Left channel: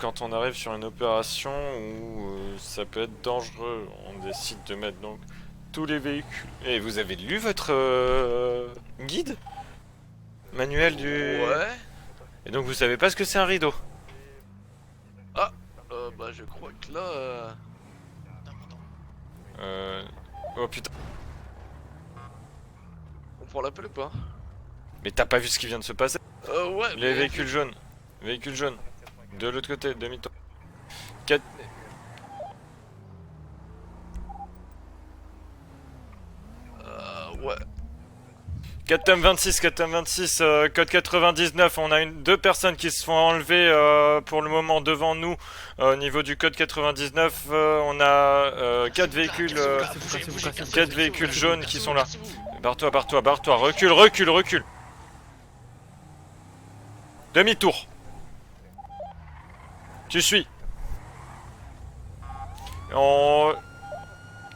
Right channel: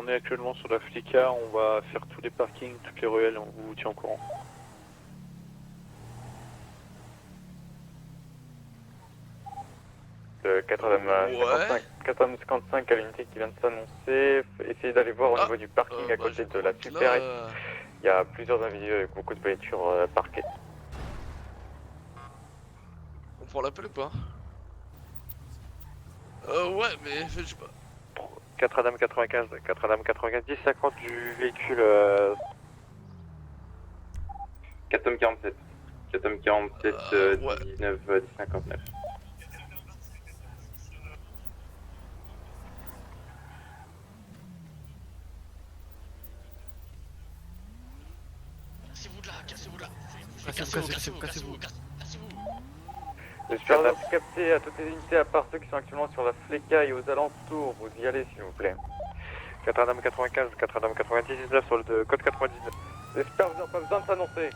quand on arrive sur une opération où ça peut être dangereux, on décide de mettre donc tous les véhicules. Et vous avez lu votre guide manuel du... Ouais. Et donc vous savez pas ce que c'est un rideau. Essayez d'aller voir au niveau du parking à côté de la super. Il y a plusieurs individus avec beaucoup de voitures parquées. Oh putain. On prend l'appel ou pas? Mais t'as pas vu ce qui vient de se passer? Ouais. Les véhicules jaunes. Véhicule jaune. Notre-Dame 95. De l'autre côté. Notre-Dame 90, 50 du véhicule. 4 47. 4 47, 19, 59. 4 26, 4 26, code 99, on a deux personnes qui se font enlever pour le moment devant nous au niveau du code 99, on a 4 véhicules, 4 véhicules jaunes qui sont là. Barre-toi, recule. À part ceux qui sont actuellement sur la Fléca et aux alentours. Demi-tour. Vous y allez s'il vous plaît. 95, Tu suis. 99 sur le code 99. Pas besoin de s'annoncer.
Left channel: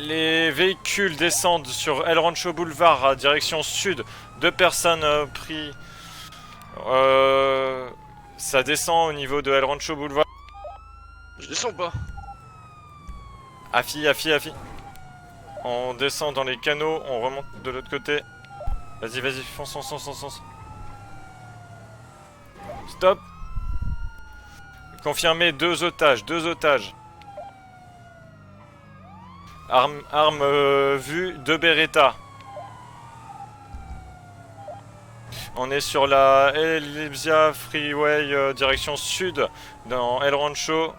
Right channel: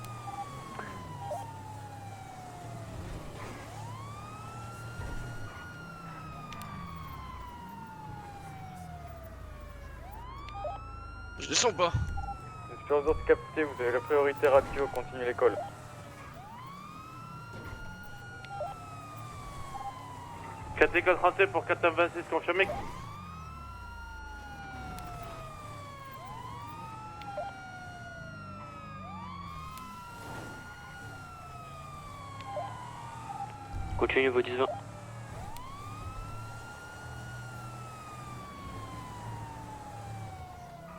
Les véhicules descendent sur El Rancho Boulevard à direction sud. 2 personnes pris. Ça descend au niveau de El Rancho Boulevard. Je descends pas. Affi. On descend dans les canaux, on remonte de l'autre côté. Vas-y, fonce. 4 37 pour 426, confirmé. Stop. Confirmé, 2 otages. Arme vue, 2 Beretta. Continue vos 10 ans. On est sur la Elysia Freeway direction sud dans El Rancho.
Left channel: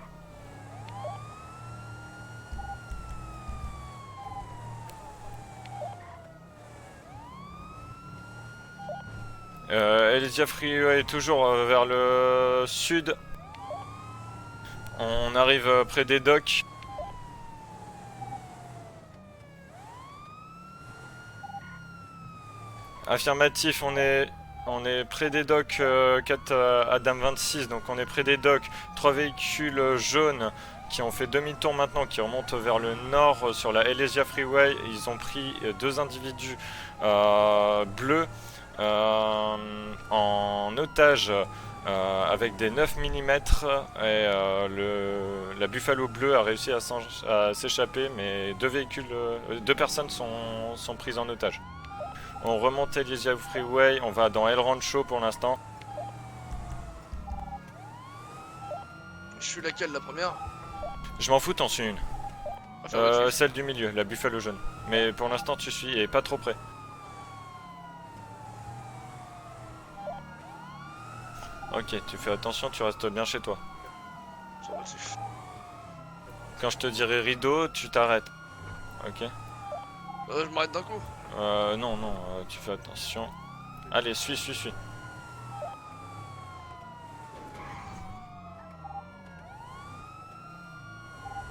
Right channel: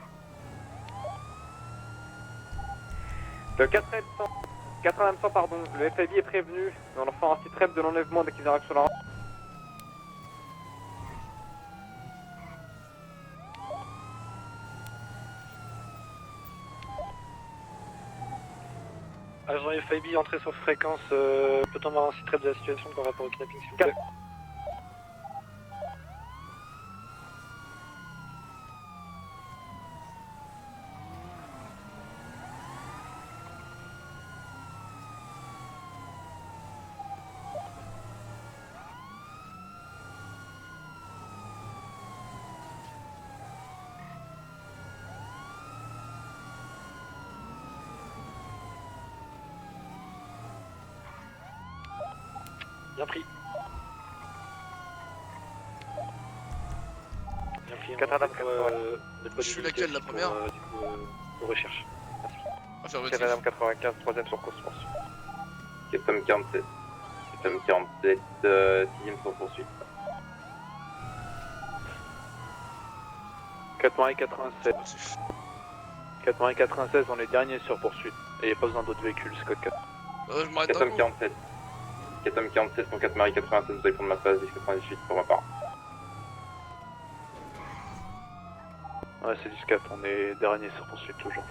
Le 423, pardon, le FAB est prévenu. On leur fait un site rep de l'enlèvement dès qu'ils arrivent sur la route. Elysia Freeway est toujours vers le sud. On arrive près des docks. Agent FIB, entrée sur fréquence, peut-on avoir un site rep de la situation? Affirmatif, on est près des docks, 4 Adam 26, donc on est près des docks. 3 véhicules jaunes qui ont fait demi-tour maintenant, qui remontent vers le nord sur la Elysia Freeway. Ils ont pris 2 individus bleus en otage avec des 9 mm et la Buffalo bleue a réussi à s'échapper, mais 2 personnes sont prises en otage. On remonte Elysia Freeway, on va dans El Rancho pour l'instant. Je suis laquelle, la première? Je m'en fous, t'en suis une. Celle du milieu, la Buffalo jaune. Mais pour l'instant tu suis et pas trop près. 47, 6ème sans poursuite. Ok, tu fais attention, tu restes bien chez toi. 80 et 87. 80 et 87. Quand je te dirai rideau, tu t'arrêtes. Et il n'y a pas besoin d'autres véhicules, c'est code 4. Je m'arrête d'un coup. 47. Non. 4 47, 4 87, allez, suis. pour ma part. Ouais, c'est du SCAT, on est dernier sur poursuite toujours.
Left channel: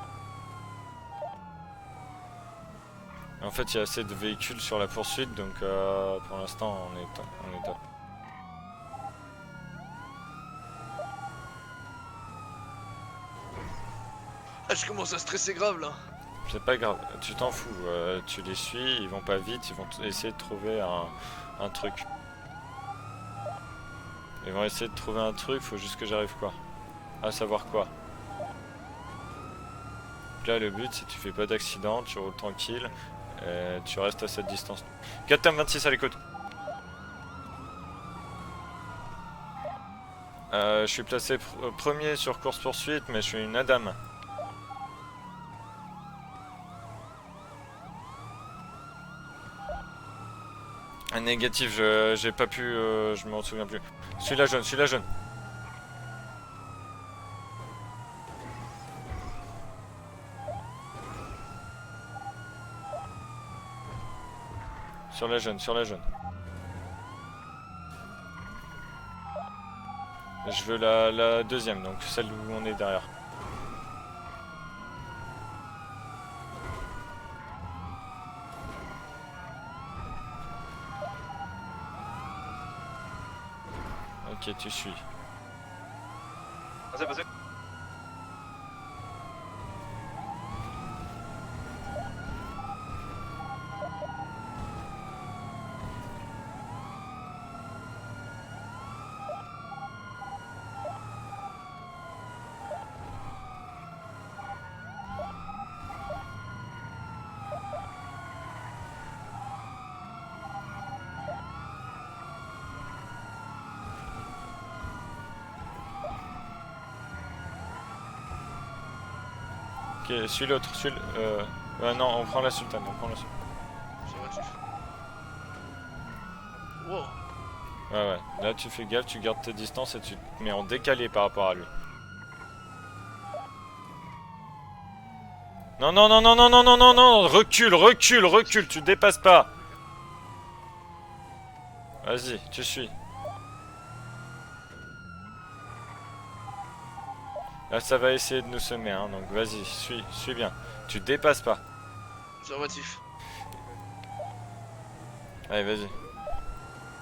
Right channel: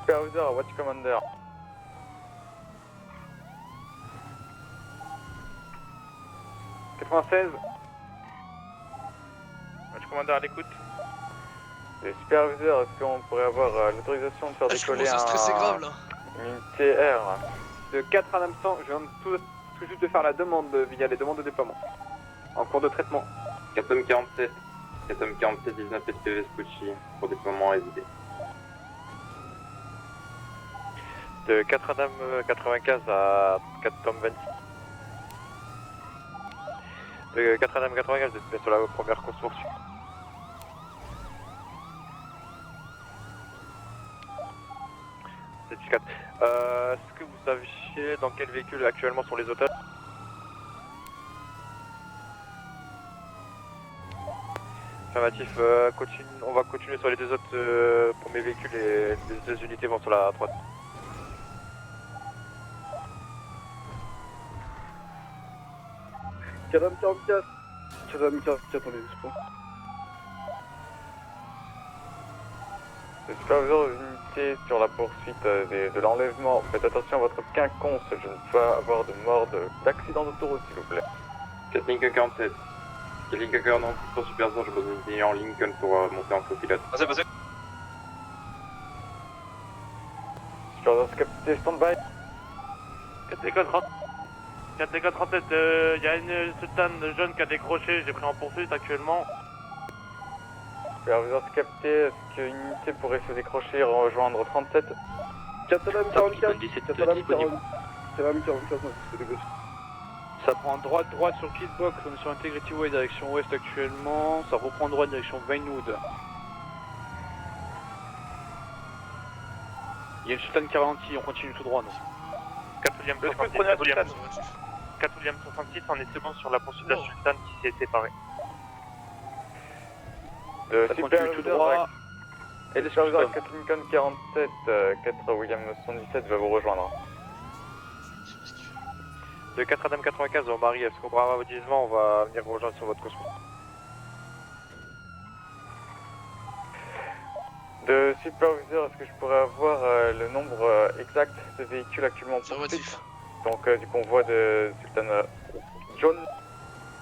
Supervisor, Watch Commander. En fait, il y a assez de véhicules sur la poursuite, donc pour l'instant on est... 96. Watch Commander à l'écoute. Supervisor, est-ce qu'on pourrait avoir l'autorisation de faire décoller Je commence à stresser grave là. C'est pas grave, tu t'en fous. Le 4 tu les suis, ils vont pas vite, ils vont juste essayer faire la de demande, trouver il y a les demandes de départ. un truc. En cours de traitement. 4 47. Ils vont essayer de trouver un truc, faut juste que j'arrive pas. On va savoir quoi. Là, le but, si tu fais pas De d'accident, tu vas 95 à tu restes à cette distance. 4 26 à l'écoute. De 95, je suis sur la première course poursuite. Je suis placé premier sur course poursuite, mais je suis une Adam. C'est du 4. Est-ce que vous saviez dans quel véhicule actuellement sont les otages? Négatif, j'ai pas pu, je m'en souviens plus. Celui-là jaune. Affirmatif, on va continuer sur les 2 autres premiers véhicules et les 2 unités vont sur la droite. Sur la jaune. 44. Je veux la deuxième, donc celle où on est derrière. Le superviseur unité sur la poursuite de l'enlèvement. Faites attention à votre quinconce, je ne peux pas avoir de mort d'accident d'autoroute s'il vous plaît. 4 Lincoln 47. 4 Lincoln 47 pour superviseur, je suis en Lincoln pour monter en copilote. Passez. Superviseur capitaine stand-by. 4 écoles 37, il y a une soutane jaune qui a décroché, j'ai pris en poursuite actuellement. Superviseur capté, est-ce qu'une unité pourrait se décrocher et rejoindre 37? 444, 444, Ça prend droite sur Kidbox, on est sur Integrity Way direction ouest actuellement, ça reprend droite direction Vinewood. Ok, Il y a suis Sultan l'autre. 46, on continue tout droit. Ouais, non, on prend la Sultan. 4ème 66, on est second sur la poursuite de la Sultan qui s'est Ah séparée. ouais, là tu fais gaffe, tu gardes tes distances et tu te mets en décalé par rapport à... droit. et le superviseur 4 Lincoln 47, 4 William. Non, non, non, non, non, non, non, non, non, recule, tu dépasses pas. De 4 Adam 95, on Marie, est-ce qu'on brava votre gisement, on va Vas-y, venir tu rejoindre suis. sur votre course. Là ça va essayer de nous semer, hein, donc vas-y, suis bien. Tu dépasses pas. Ce véhicule actuellement Observatif. donc du convoi de Sultan Allez, vas-y. John.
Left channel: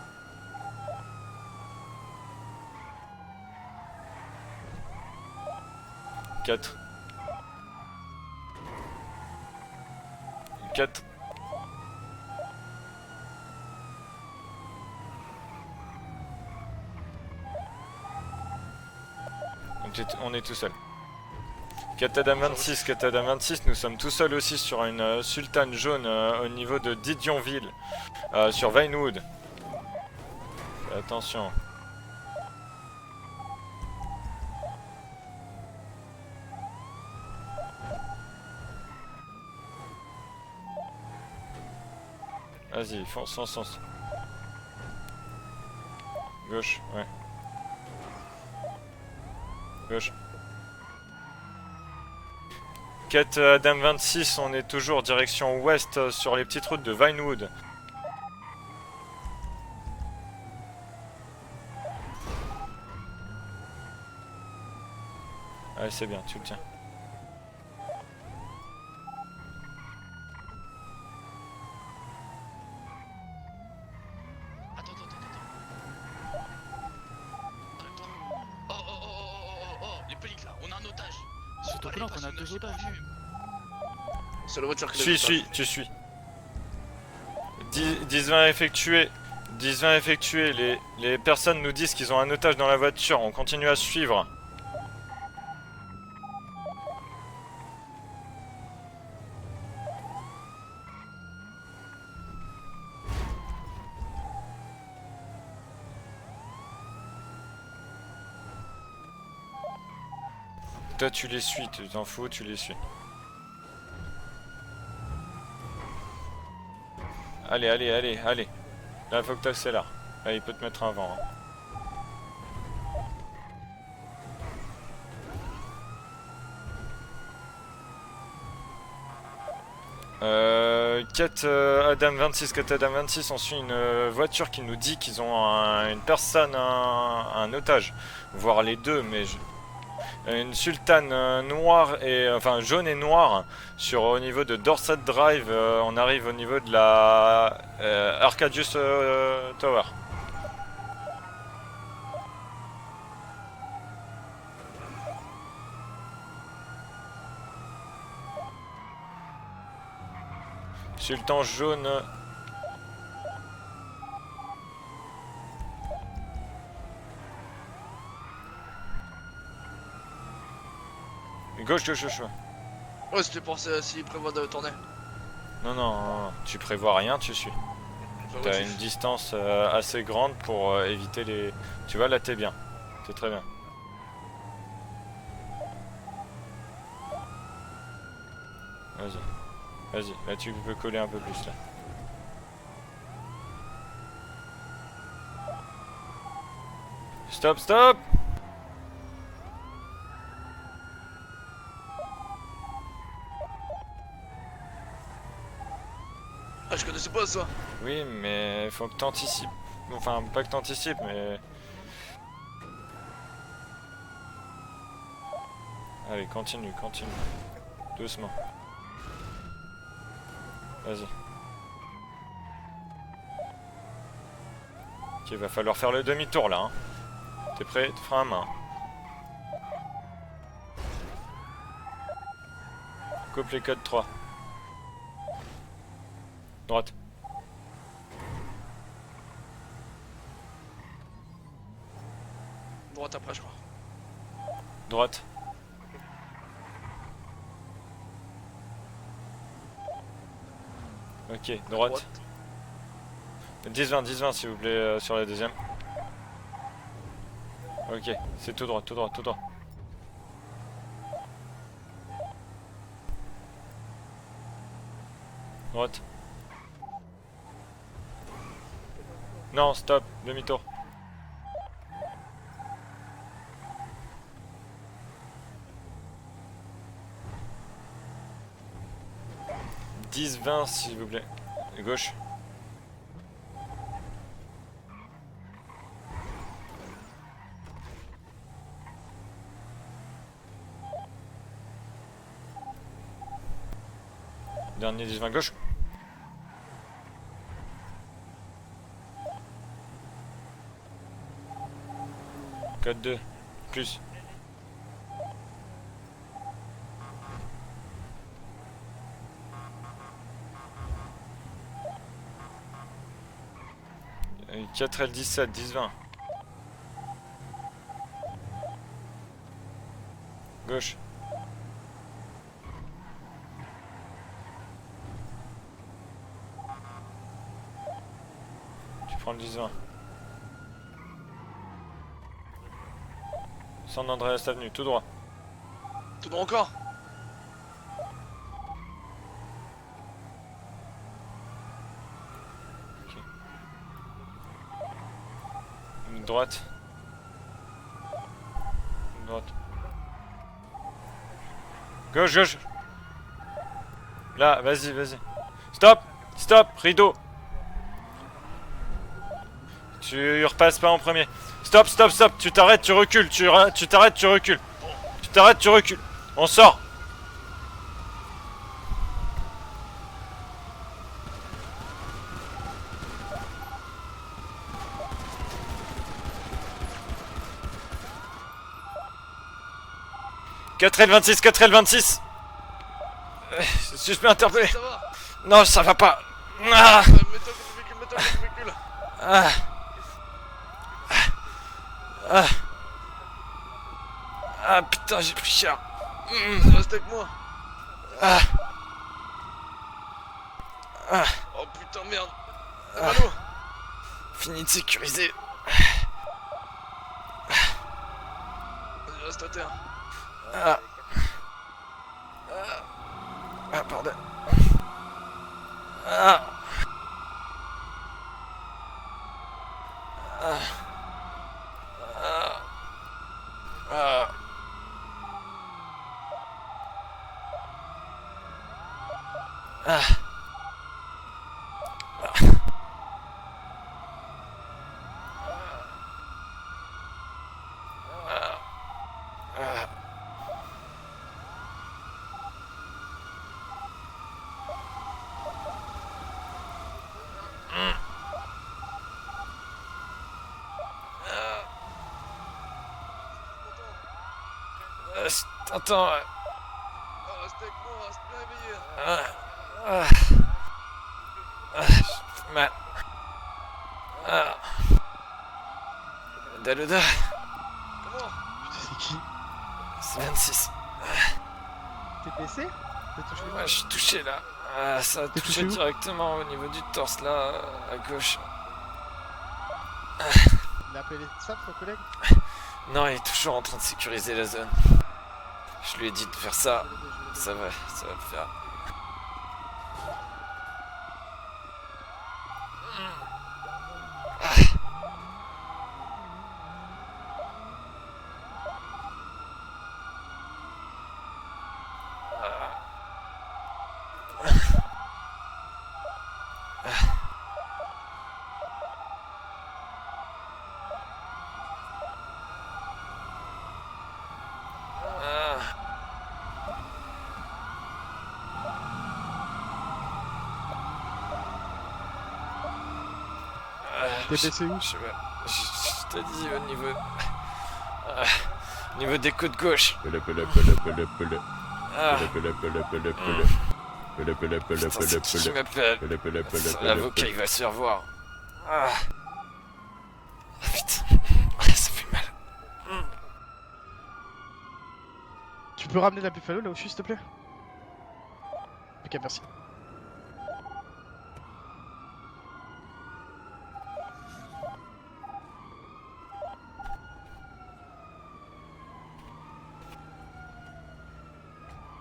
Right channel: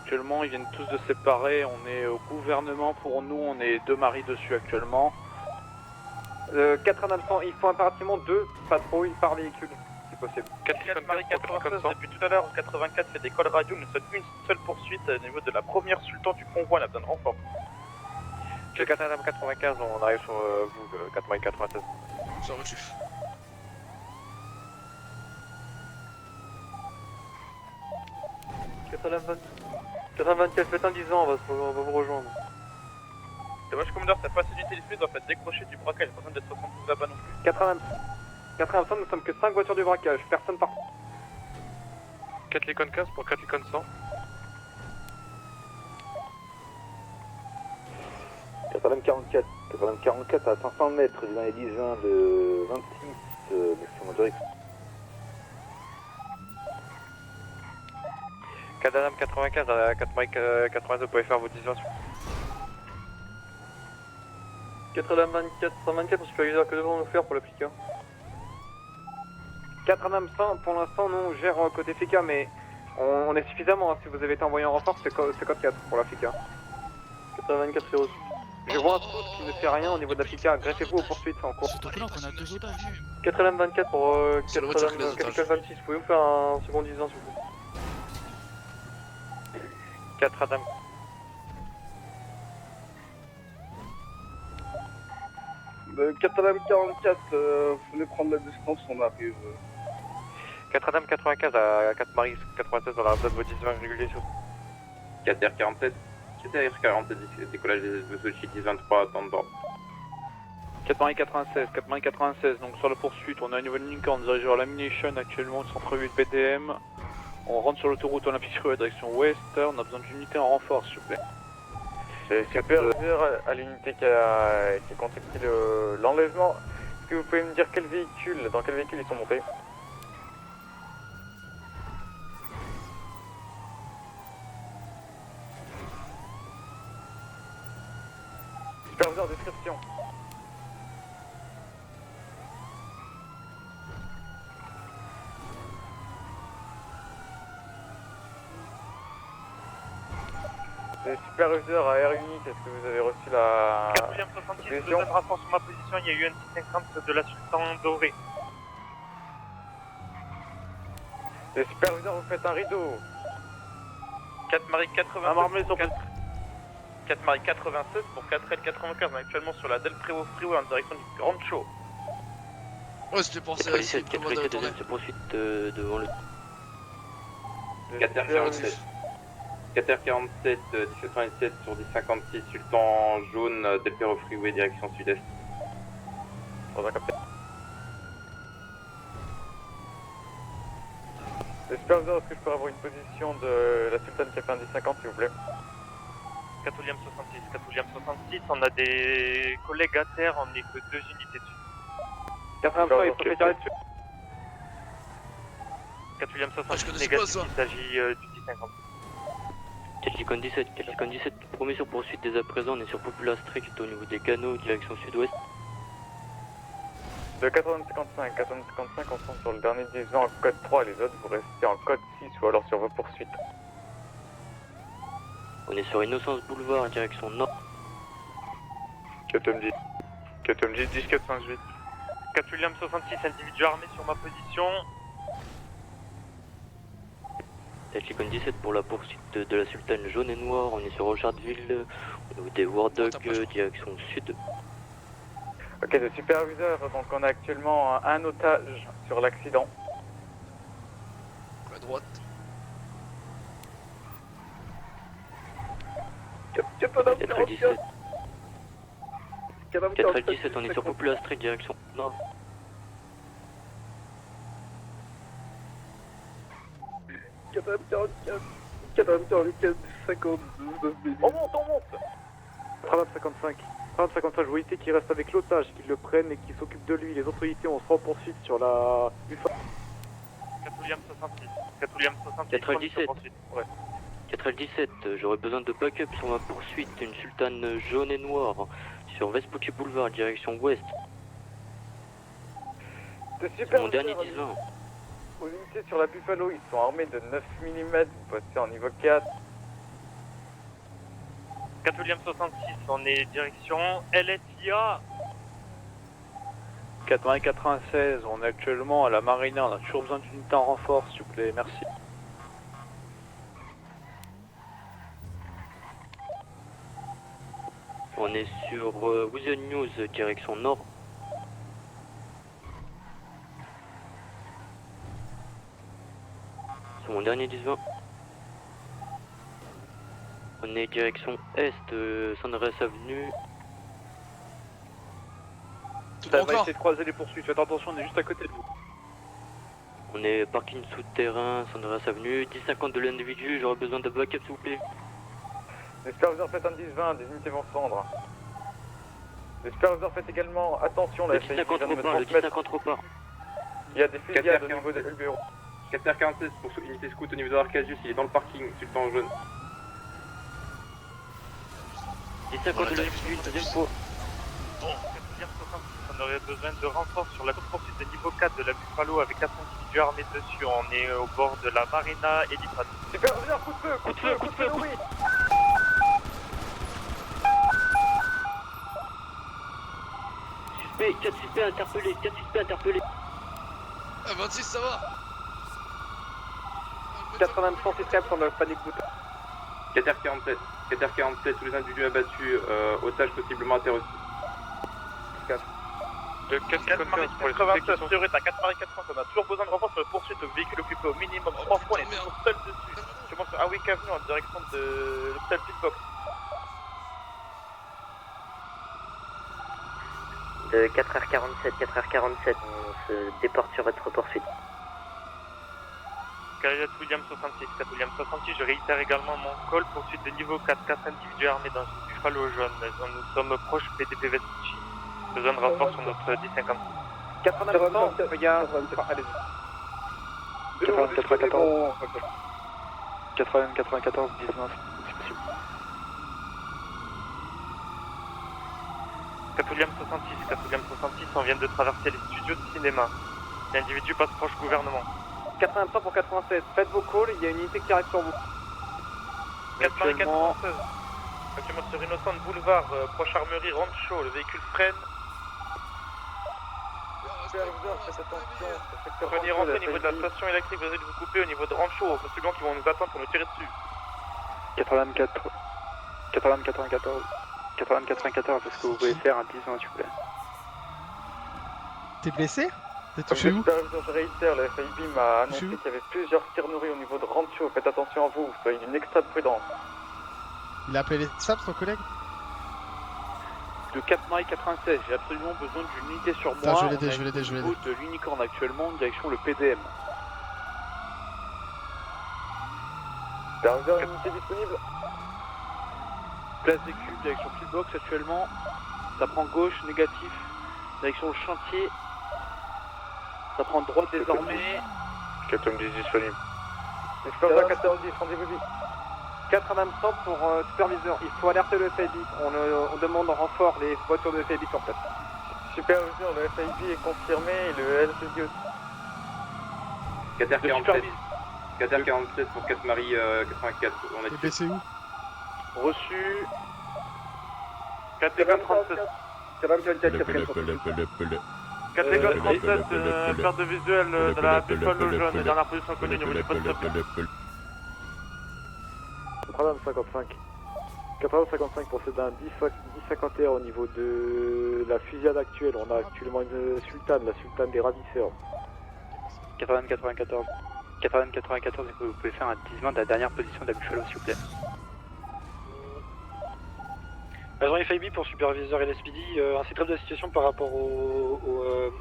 Actuellement, ils viennent tous de se séparer, on est au gouvernement pour nous, on est 2 maris dessus actuellement. 4. 4 en absent, il faut impérativement 2 patrouilles par véhicule, si possible. 4 Marie 96, depuis tout à l'heure, en 84, il y a des calls radio, nous sommes une seule poursuite au niveau de la première sultan du convoi, on a besoin de renfort. 4 Adam 95, Ok, on arrive on est tout seul. 4 Marie 96. Katadam 26, Katadam 26, nous sommes tout seuls aussi sur une sultane jaune au niveau de Didionville, sur Vinewood. 424, faites un 10 ans, Attention. on va vous rejoindre. C'est moi, commandeur, ta facilité les flux doit être décrochée du braquage, pas besoin d'être 60 là-bas non plus. 80, nous sommes que 5 voitures du braquage, personne par 4 les Vas-y, 4 fonce, 4 fonce, 400. Gauche, ouais. 44, Gauche. 44 à 500 mètres, dans les 10 de 26. 4 Adam 26, on est toujours direction ouest sur les petites routes de Vinewood. 4 Adam 95, à 4 Mike 82, vous pouvez faire vos diversions. 4 Adam 24, Ah, c'est bon, tu le que devons-nous faire pour l'appliquer 4 Adam 100, pour l'instant, nous on gère côté FICA, mais on est suffisamment, hein, si vous avez été envoyé en renfort, c'est code 4 pour la FICA. 4 24, c'est aussi. Je vois un trou qui ne fait rien au niveau de la FICA, greffez-vous aux poursuites en cours. Surtout que là, on a 2 otages. 4 Adam 24 pour... C'est la voiture qui Tu suis. Vous pouvez me faire un second 10 ans, s'il vous plaît. 10-20 effectué. 10-20 effectué. Les personnes nous disent qu'ils ont un otage dans la voiture. On continue à suivre. 4 Adam 44, vous venez prendre la distance, on arrive. 4 Adam 95 à 4 Marie 96 dans la zone de vos 10 réguliers sur 4 R47. 4 R47, décollage des Sochi 1023 dans le bord. 496, 96, donc sur la poursuite, on a une nouvelle Lincoln, on dirige vers l'Ammunition actuellement, ils sont prévus de BDM. Allez, allez, allez, On allez. la direction Là, faut ouest, que t'accélères. on a besoin d'une Allez, unité en faut te mettre renfort, un s'il vous vent. plaît. C'est supérieur à l'unité qui a contacté l'enlèvement. Est-ce que vous pouvez me dire dans quel véhicule ils sont montés 4 Adam 26, 4 Adam 26, on suit une voiture qui nous dit qu'ils ont une personne, un otage, voire les deux, mais une sultane noire et enfin jaune et noire sur au niveau de Dorset Drive. On arrive au niveau de la Arcadius Tower. Le superviseur à Air Unit, est-ce que vous avez reçu la... 4ème 66, vous êtes renfort sur ma position, il y a eu un 50 de la sultan dorée. Sultan Le jaune. superviseur, vous faites un rideau. 4 Marie 80. Un marmé sur 4 Marie 96 pour 4L 95, on est actuellement sur la Del Freeway Freeway en direction du Grand Show. Gauche, gauche, gauche. Ouais, c'était pour ça, c'est prévoir de retourner. Non, non, non, tu prévois rien, tu suis. 4 Tu as une distance assez grande pour éviter les... Tu vois, là, t'es bien. Sultan Très bien. jaune, Delpero Freeway, direction sud-est. Vas-y, là tu peux coller un peu plus là. Le superviseur, est-ce que je peux avoir une position de la sultane qui a fait un 10-50, s'il vous plaît 4ème 66. Stop, stop. 66, on a des collègues à terre, on n'est que 2 unités dessus. 80 il faut faire dessus. 4ème 66. Ah, je connaissais pas ça. Il s'agit Oui, mais faut que t'anticipes. Enfin, pas que t'anticipes, mais... Promission poursuite dès à présent, on est sur Popula Strict au niveau des canaux, direction sud-ouest. Allez, continue. De 80-55, 80-55, on sont sur le dernier 10 ans en code 3 et les autres pour rester en code 6 ou alors sur vos poursuites. Ok, va falloir faire le demi-tour là. Hein. Direction nord. T'es prêt? Frein à main. KTMJ 10 4 5 8. 4ème 66, Coupe les N6 4-3. ma position. Droite. Lincoln 17 pour la poursuite de la Sultane jaune et noire, on est sur Rochardville, au niveau des War Dog, direction sud. Droite. Ok, le superviseur, donc on a actuellement un otage sur l'accident. Ok, droite. 10-20, 10-20 s'il vous plaît sur la deuxième. 4L17, Ok, c'est tout droit, tout droit, tout droit. 4L17, on est sur Popula Street, direction nord. Droite. Non, stop, demi-tour. On monte. 3055. 3055, vous évitez qu'il reste avec l'otage, qu'il le prenne et qu'il s'occupe de lui. Les autres unités, on sera en poursuite sur la... 10-20 s'il vous plaît. À gauche. 4L17. 4L17, j'aurais besoin de backup sur ma poursuite, une Sultane jaune et noire, sur Vespucci Boulevard, direction ouest. Mon dernier 10-20. Dernier 10-20 gauche. Les unités sur la Buffalo, ils sont armés de 9 mm, postés en niveau 4. 4 William 66, Code on deux. est direction Plus. LSIA. 80-96, on est actuellement à la marina, on a toujours besoin d'une unité en renfort, s'il vous plaît, merci. 4L17, 10-20. On est sur Wizard News, direction nord. Gauche. C'est mon dernier 10-20. Tu prends le 10-20. On est direction est, San Andreas Avenue. San Andreas Avenue, tout droit. Tout droit encore. Essayez de croiser les poursuites, faites attention, on est juste à côté de vous. On est parking souterrain, San Andreas Avenue, 10-50 de l'individu, j'aurais besoin de backup s'il vous plaît. Les superviseurs Droite. faites un 10-20, des unités vont se rendre. Droite. Les superviseurs faites également attention, la Le FAI 10-50 vient de repart, mettre- Gauche, gauche. 10-50 repart. Il y a des fusils. Là, vas-y, vas-y. Stop. Stop, rideau. Au niveau de Arcadius, il est dans le parking, sultan jaune. Tu repasses pas en premier. Stop, stop, stop. Tu t'arrêtes, tu recules. Tu t'arrêtes, tu recules. Tu t'arrêtes, tu recules. On sort. De renfort sur la poursuite de niveau 4 de la Buffalo avec 4 individus armés dessus. On est au bord de la marina et l'Ifrat. Superviseur, coup de feu, oui. 4L26, 4L26. Interpellé. Suspect interpellé. Ça va. Non, ça va pas. Ah, 80-34, on a pas d'écoute. ah, 4R47, 4R47, tous les individus abattus, otages possiblement interrogés. ah, putain, j'ai pris cher. 87, 0 à 84, on a toujours besoin de renfort sur la poursuite de véhicules occupés au minimum 3 fois. putain, merde. Ah oui, Avenue en direction Fini de sécuriser. Reste à terre. 4h47, 4h47, on se déporte sur votre poursuite. Ah, Carrière William 66, 4 William 66, je réitère également mon call poursuite de niveau 4, 4 individus armés dans une Buffalo jaune. Nous sommes proches des TP Vespucci. Besoin de renfort sur notre 10-56. 80-94, regarde, allez-y. ah. 94, 94, 19. 4 William 66, 4 William 66, on vient de traverser les studios de cinéma. L'individu passe proche gouvernement. 83 pour 96, faites vos calls, il y a une unité qui arrive sur vous. 4 Marie 96. Document sur Innocent Boulevard, proche armerie Rancho, le véhicule freine. Attends. Pour venir rentrer au niveau de la station électrique, vous allez vous couper au niveau de Rancho. Parce que bon, on nous attend pour nous tirer dessus. 84, 84, T'as l'odeur. 84, 114, est-ce que vous pouvez faire un 10-20 s'il vous plaît? C'est 26. T'es blessé? T'es touché où? Je suis touché là. Ah, ça a touché directement au niveau du torse là. Faites attention à vous, soyez une extra prudence. Il a appelé les SAPS, ton collègue? Non, il est toujours en train de Le sécuriser la 80 zone. 96, j'ai absolument besoin Je lui ai d'une dit unité de sur faire ça. moi. Je l'ai aidé, sur la route de l'Unicorn actuellement, direction le PDM. Superviseur, unité disponible. Place des cubes, direction Pitbox actuellement. Ça prend gauche, négatif. Direction le chantier. Ça prend droite désormais. 4 disponible. Superviseur 90, rendez-vous vite. 423 pour superviseur. Il faut alerter le FIB. On demande en renfort les voitures de FIB sur place. Superviseur, le FIB est confirmé et le LCD aussi. 4R47, 4R47 pour 4 Marie 84. T'es blessé où? Je t'ai dit au niveau... Restez 23, Au niveau des côtes gauche. 4R47, Carte de visuel de la L'avocat il va se faire voir. Ah. 55. Putain. 85 procédé un 10-51 au niveau de la fusillade actuelle. Tu peux ramener la Buffalo là où je suis, s'il te plaît? La sultane des ravisseurs. Ok, merci. 80-94. 80-94, vous pouvez faire un disement de la dernière position de la Buffalo, s'il vous plaît. Agent FIB pour superviseur LSPD, un secret de la situation par rapport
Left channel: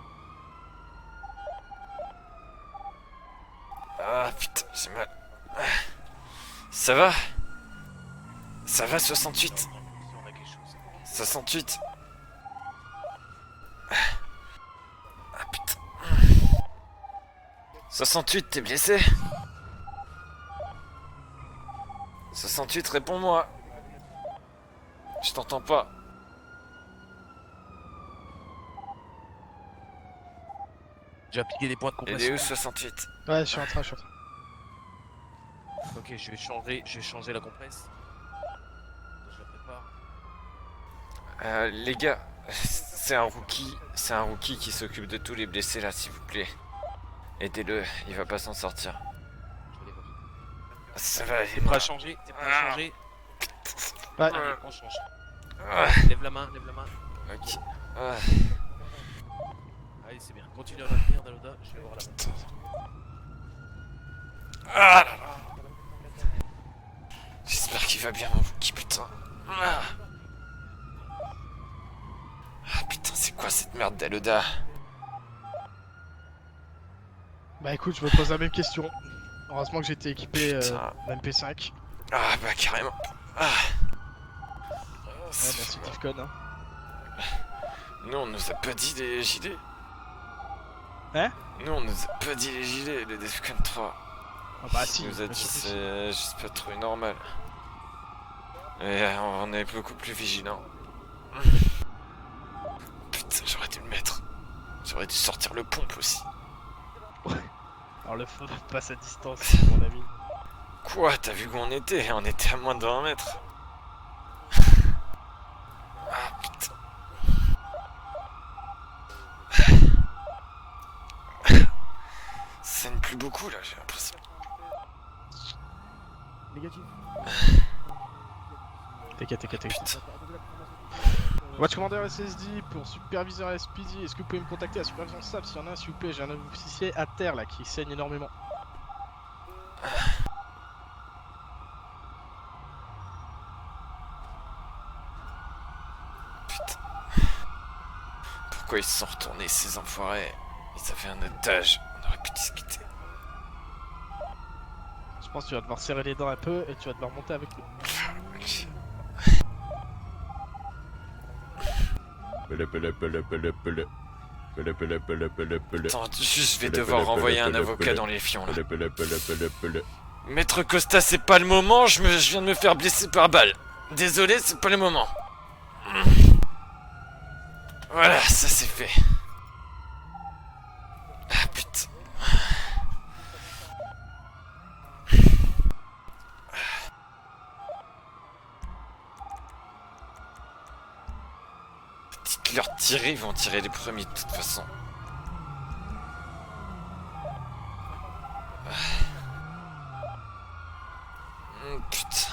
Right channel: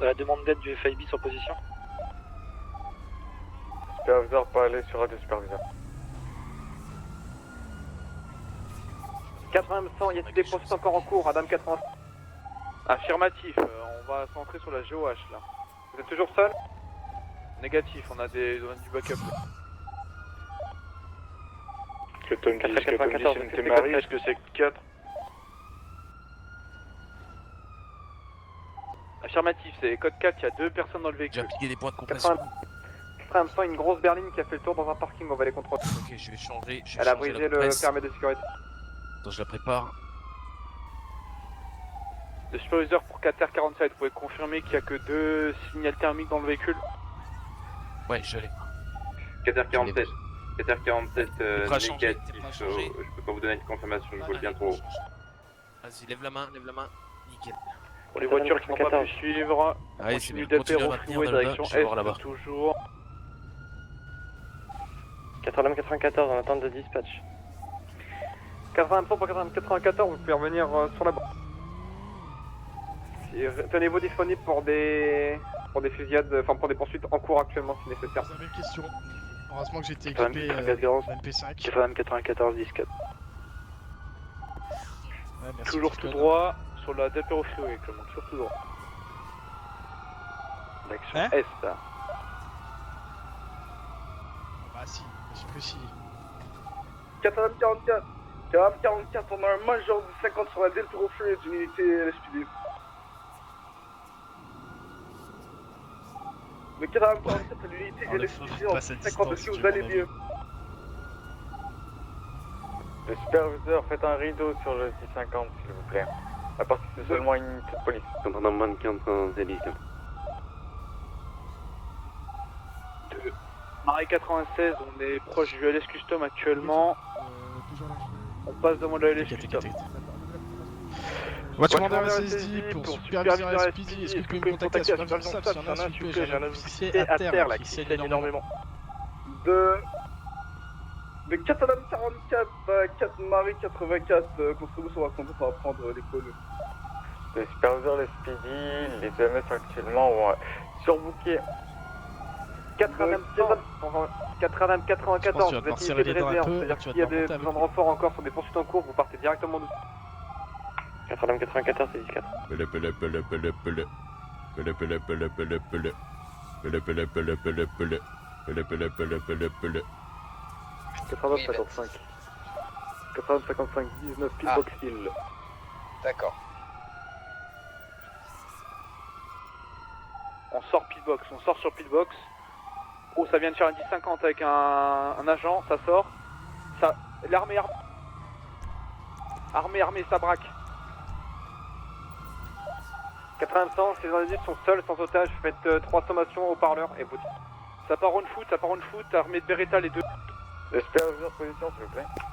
à la demande d'aide du FIB sur position. Ça va? Ça va 68? 80 100, il y a des postes encore en cours, madame 68. 80. Affirmatif, on va centrer sur la GOH là. Ah putain. Vous êtes toujours seul? Négatif. 68, t'es blessé? 68, réponds-moi. Est-ce que c'est 4? Je t'entends pas. Affirmatif, c'est code 4, il y a 2 personnes dans le J'ai véhicule. appliqué des points de Il est compression. où 68? Ouais, Il y a une grosse berline qui a fait le tour dans un parking, on va les contrôler. Ok, je vais changer Elle a la brisé le compresse. permis de sécurité. Attends, je la prépare. Les gars, Superviseur c'est un 4R47, rookie, vous c'est un pouvez confirmer rookie qui qu'il y a que s'occupe de tous les 2 blessés là, signaux s'il vous thermiques dans le plaît. véhicule. Aidez-le, il Ouais, va je pas l'ai. s'en sortir. 4h47. 4h47. Ça va, T'es prêt à changer? T'es prêt à changer? Je peux pas vous donner une confirmation. Ouais. Lève la main, lève la main. Ok. Les voitures qui n'ont pas pu suivre, Allez, c'est continue bien. Continue à d'être maintenir refouée dans le direction bas. Je vais voir est, là-bas. toujours. Ah, 80-94 en attente de dispatch. j'espère qu'il va bien, mon rookie. 80 pour 94, vous pouvez revenir sur la bande. Ah putain, c'est quoi cette Tenez-vous merde, disponible Deloda? pour des fusillades, enfin pour des poursuites en cours actuellement. Bah écoute, je me pose la même question. Heureusement que j'ai été équipé d'un MP5. 80-94, Ah bah carrément. Ah. Ouais, merci toujours pour tout le code. droit sur la date refouée. Nous on nous a pas dit les gilets. Hein? Nous on nous a pas dit les gilets, les Defcon 3. Ah bah si, On nous a bah, dit si, si. c'est juste pas trop normal. 80-44. on est beaucoup plus vigilants. Putain, j'aurais dû le mettre. J'aurais dû sortir le pompe aussi. Mais 80 Enlève pas cette distance, mon ami. Quoi? T'as vu où on était? On était à moins de 20 mètres. Superviseur, faites un rideau sur le 650 s'il vous plaît. À partir de seulement une unité de police. Pendant moins de 15 Ça ne plus beaucoup là. Marais 96, on est proche du LS Custom actuellement. On passe devant le LS T'inquiète, Custom. t'inquiète. Putain. Watchmander SSD pour superviseur SPD, est-ce que vous pouvez me contacter à superviseur SAP s'il y en a s'il vous plaît? J'ai un officier à terre là, qui saigne énormément. De 80-44, 4 Marais 84, contre nous on va compter, ça va prendre l'école. Les superviseurs, les SPD, Pourquoi ils sont les retournés PMS ces actuellement, enfoirés? ouais. Ils ont fait un otage. On aurait pu discuter. 80-94, Je pense que tu vas devoir serrer les dents un peu et tu vas devoir monter avec besoin de renfort encore pour des poursuites en cours, vous partez directement nous. 80-94, c'est 14. Attends, juste je vais devoir renvoyer un avocat dans les fions là. Maître Costa, c'est pas le moment, je viens de me faire blesser par balle. Désolé, c'est pas le moment. D'accord. Voilà, ça c'est fait. On sort pitbox, on sort sur pitbox. Oh, ça vient de faire une 10-50 avec un agent, ça sort. L'armée, armée, ça braque. Dites-leur tirer, ils vont tirer les 80 premiers ces de toute individus sont façon. seuls, sans otage, faites 3 sommations au parleur et vous. Ça part en foot, armée de Beretta les deux. Superviseur, position, s'il vous plaît. Putain.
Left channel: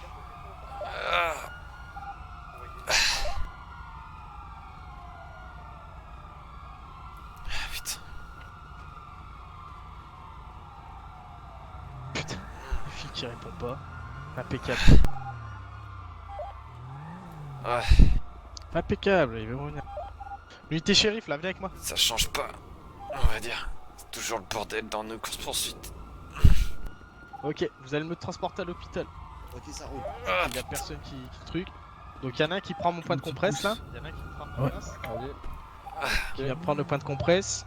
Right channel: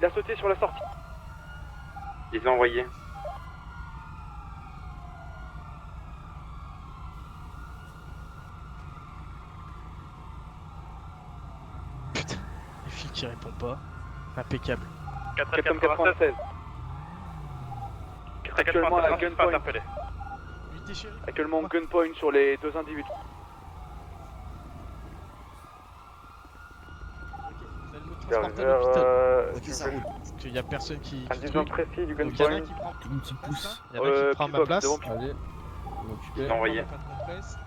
Il a sauté sur la sortie. Ah. Ils ont envoyé. Putain. Putain, les filles qui répondent pas. Impeccable. 496. Ouais. Unité shérif là, Actuellement avec moi. gunpoint change sur pas. les deux individus. On va dire. C'est toujours le bordel dans nos courses poursuites. Ok, vous allez me transporter à l'hôpital. Il y a personne qui truc. Donc il y en a un qui prend mon point de compresse là. Il y en a un qui prend ma place. Allez. Il va prendre le point de compresse.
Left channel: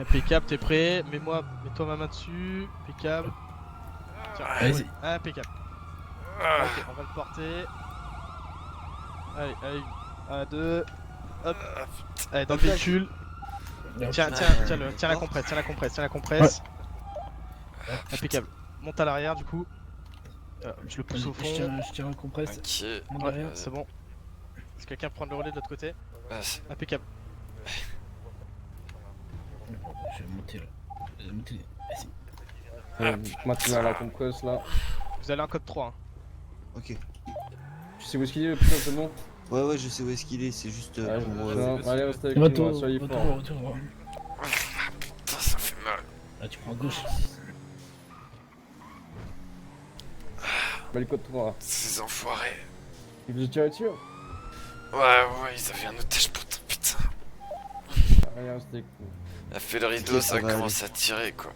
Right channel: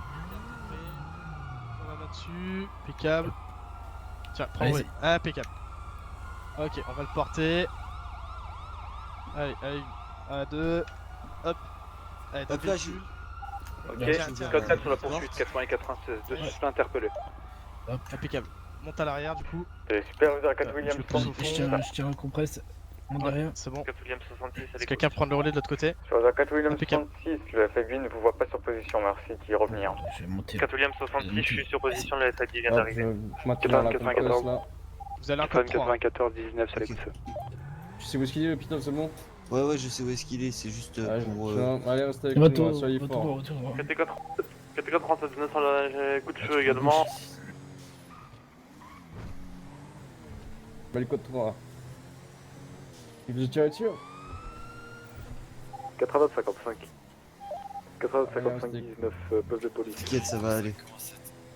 Impeccable, t'es prêt? Mets-toi ma main dessus. Impeccable. Tiens, Vas-y. impeccable. Ok, on va le porter. Allez, allez. 1, 2. Hop. Allez, dans le véhicule. Tiens la compresse, tiens la compresse. Interpellé. Impeccable. monte à l'arrière du coup. Super, vous avez 4 Je Williams. le pousse au fond. Je tire un compresse. Monte derrière. C'est bon. 4 Williams 66, Est-ce que quelqu'un prend le relais de l'autre côté? Sur la 4 Williams Impeccable. 66, la FFV ne vous voit pas sur position, merci, qui revenir. Je vais monter. 4 Williams 66, je suis sur position, la SAD vient d'arriver. Maintenant la concosse là. Vous avez un code 3. 94 19, c'est Ok. Tu sais où est-ce qu'il est, putain, c'est bon. Ouais, je sais où est-ce qu'il est, c'est juste pour. Allez, restez avec nous, soyez Retour. forts. CP4 37 coup de feu également. Belle côte 3. Ces enfoirés. Il vous a tiré dessus? Ouais, ça vient de putain. 85 Allez, restez. La fait le rideau, Ok, ça ça va commence à tirer quoi.